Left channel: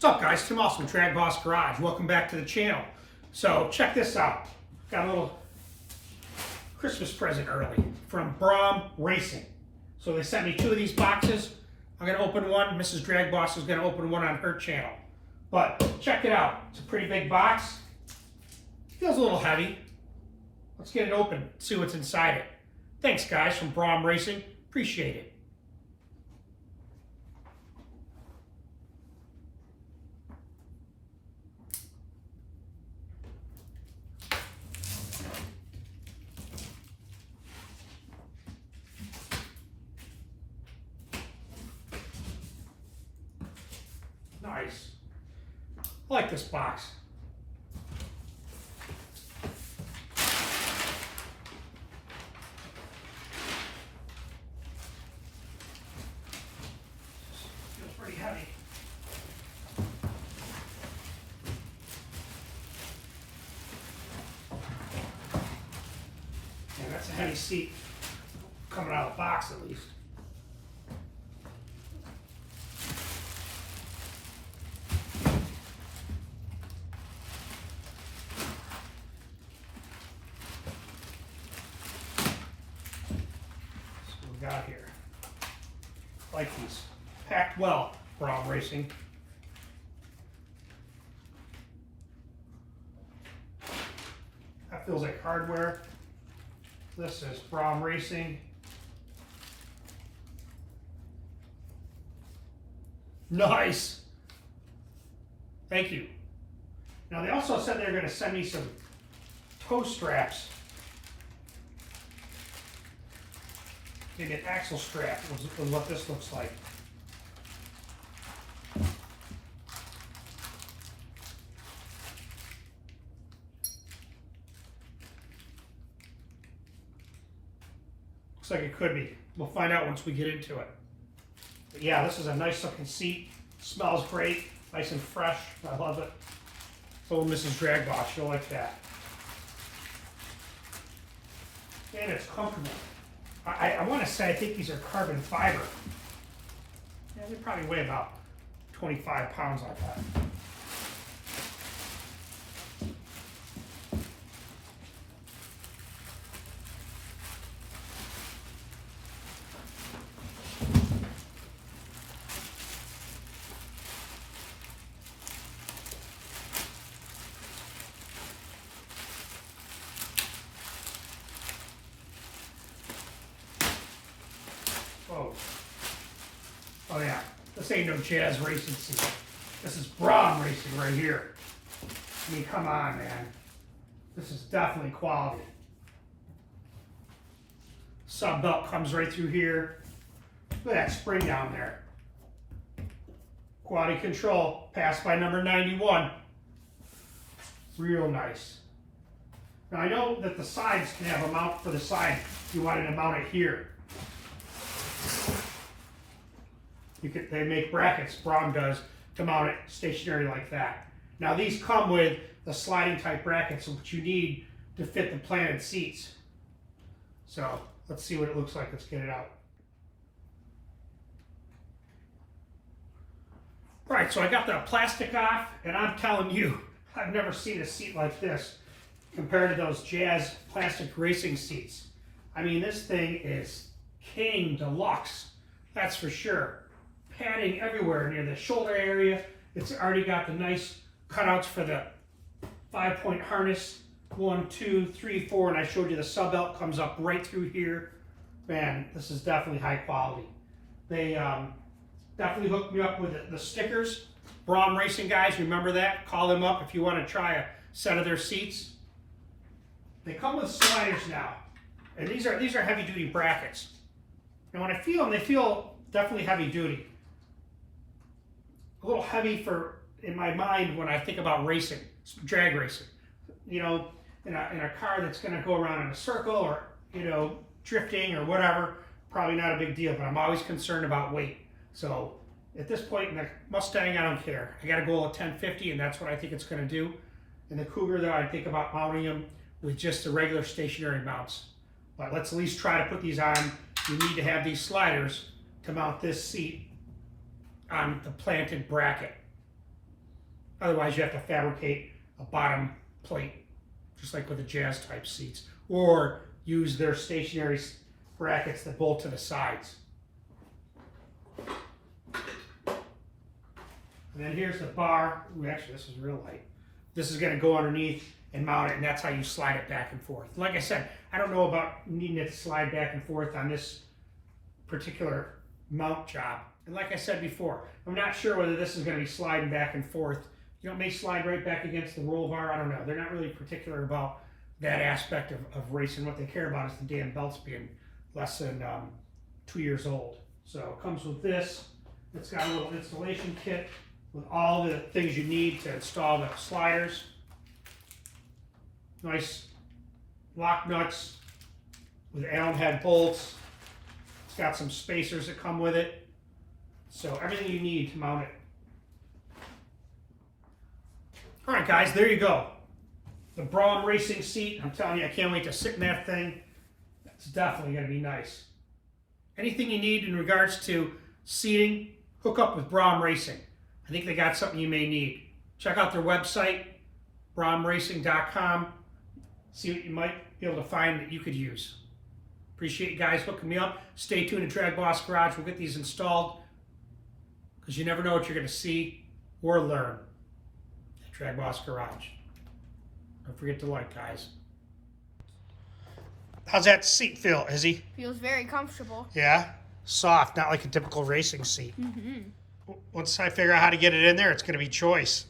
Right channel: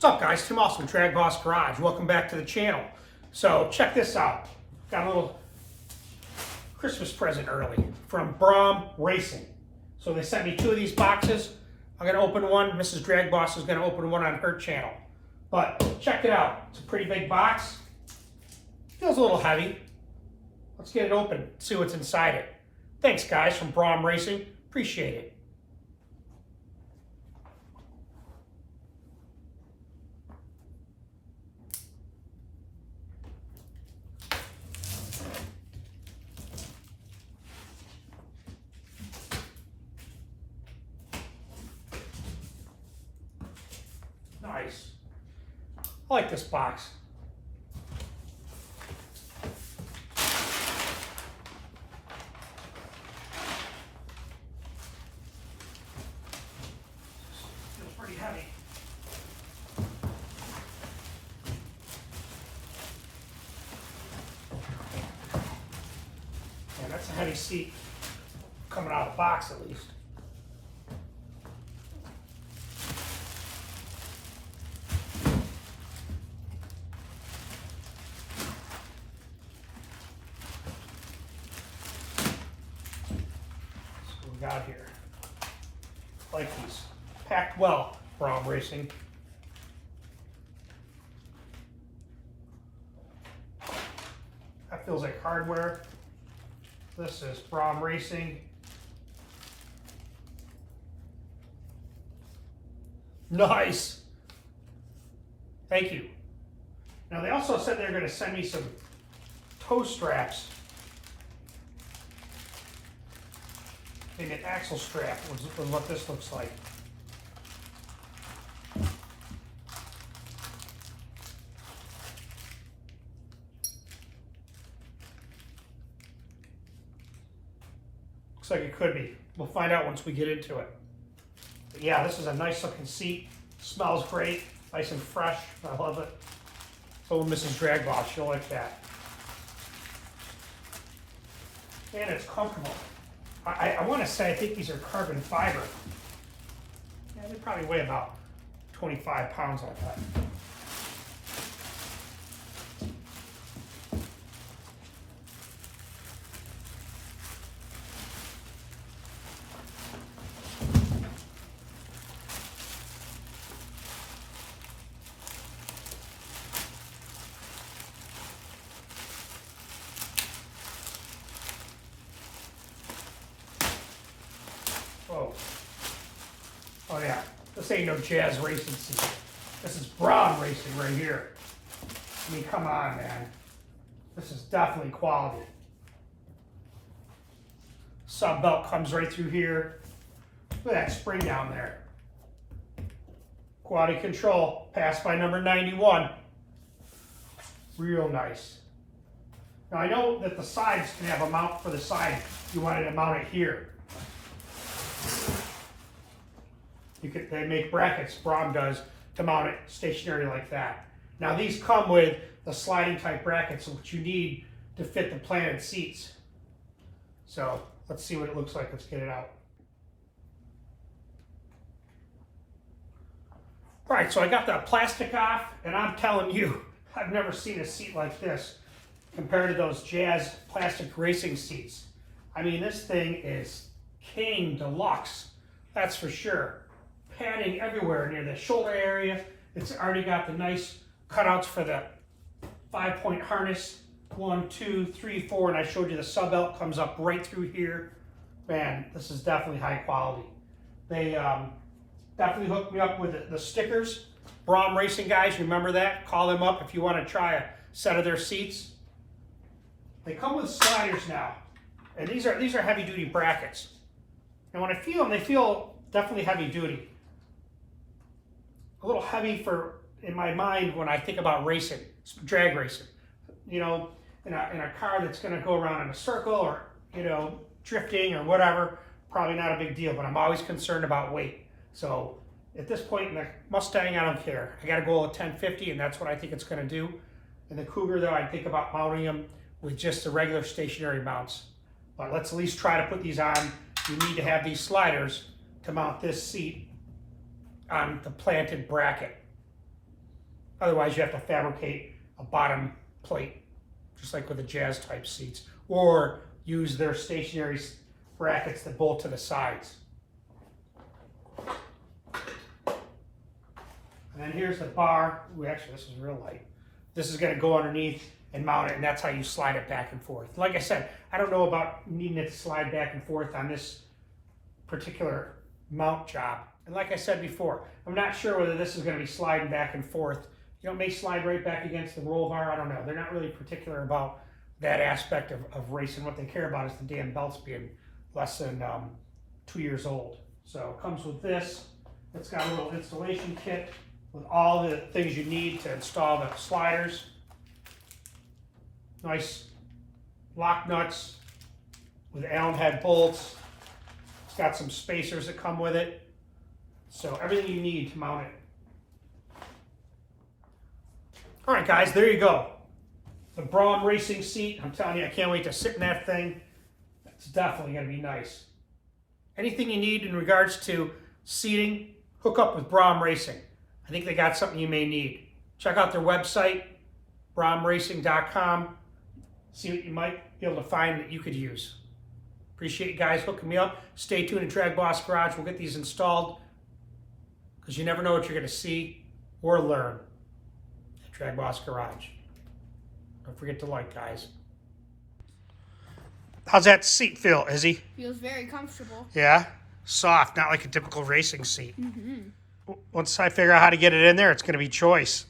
What's up, guys? Tim Austin, DragBoss Garage. Welcome back to the channel. So check this out. Got a little Christmas present early from Braum Racing. So they sent me 2 of these boxes. I'm going to open one. Mrs. DragBoss is going to open one on her channel. But check it out. It's a pretty big box. Feels a little heavy. Let's get it open, see what's inside it. Thanks, guys, from Braum Racing. Appreciate it. Nice. I like this box. Feels pretty heavy. Yeah, that's a heavy seat coming out of the box at least. Got here. Like these. Packed well, Braum Racing. That feels like hardware. This is Braum Racing. Nice. Thank you. Now they also said they're going to send me some toe straps. Maybe an axle strap was what this looks like. Looks like it could be. We'll find out once we get into it. But yeah, this is a nice looking seat. Smells great, nice and fresh. I love it. So Mrs. DragBoss, you'll like that. And it's comfortable. I want to say I think these are carbon fiber. Yeah, they probably weigh about 25 pounds like that. Whoa. Oh yeah, this ain't no jazz racing seat. This is Braum Racing right here. I mean, come on, man. This is definitely quality. Sub belt comes right through here. Look at that spring down there. Quality control, passed by number 91. Real nice. Now I know that the sides can have a mount for the side. You wanted to mount it here. They make brackets, Braum does, to mount it stationary like that. Now these come with the sliding type brackets, which you need to fit the planted seats. So let's see what it looks like. Let's get it out. All right, so I got the plastic off, and I'm telling you, I've never seen a seat like this compared to those Jazz plastic racing seats. I mean, this thing is king deluxe, that's for sure. Padding everywhere near the shoulder area. It's already got the nice cutouts for the 5-point harness. 1, 2, 3, 4, and I showed you the sub belt comes up right through here. Man, this is definitely high quality. They definitely hooked me up with the stickers. Braum Racing guys, remember that? Call them up if you want to try a set of their seats. They come with sliders now, and these are heavy duty brackets. And when I feel them, they feel definitely heavy duty. A little heavy in my mind when I think about racing, drag racing. You know, in a car that's going to go around in a circle or, you know, drifting or whatever, probably not a big deal, but I'm always concerned about weight. So at this point in the Mustang, I don't care. I got a goal of 1050, and that's what I think it's going to do. In the Cougar, though, I think about mounting them with just the regular stationary mounts. But let's at least try to put these on. You need to have these sliders to mount this seat on the planted bracket. Otherwise, you have to fabricate a bottom plate, just like with the Jazz type seats, or use their stationary brackets that bolt to the sides. And then here's the bar. Ooh, actually, this is real light. This is going to go underneath and mount it, and that's how you slide it back and forth. Like I said, I don't know about needing it to slide back and forth on this particular mount job. And like I said before, I'm not sure whether this is going to be sliding back and forth. You know, it may slide right back against the roll bar. I don't know. They're not really particular about that aspect of racing. What they care about is the damn belts being less than 2 years old. So it comes with this. It's got a little installation kit with all the things you need to install the sliders. Nice lock nuts with Allen head bolts. It's got some spacers that come with it. So everything you need to mount it. All right, guys, there you go. The Braum racing seat. I'm telling you, I can't wait to sit in that thing. It's definitely going to be nice. Anything you need in regards to seating, hook up with Braum Racing. I think they got something you may need. Check out their website, braumracing.com. See what you might be able to find that you could use. Appreciate you guys hooking me up. Stay tuned to DragBoss Garage. We'll get these installed because you never know what you're going to see or learn at DragBoss Garage. Don't forget to like, guys. How's that seat feel, Izzy? Feels very comfortable. Yeah? Soft, not like a typical racing seat. Mm-hmm. Once I figure out how to get it in there, it's going to be choice.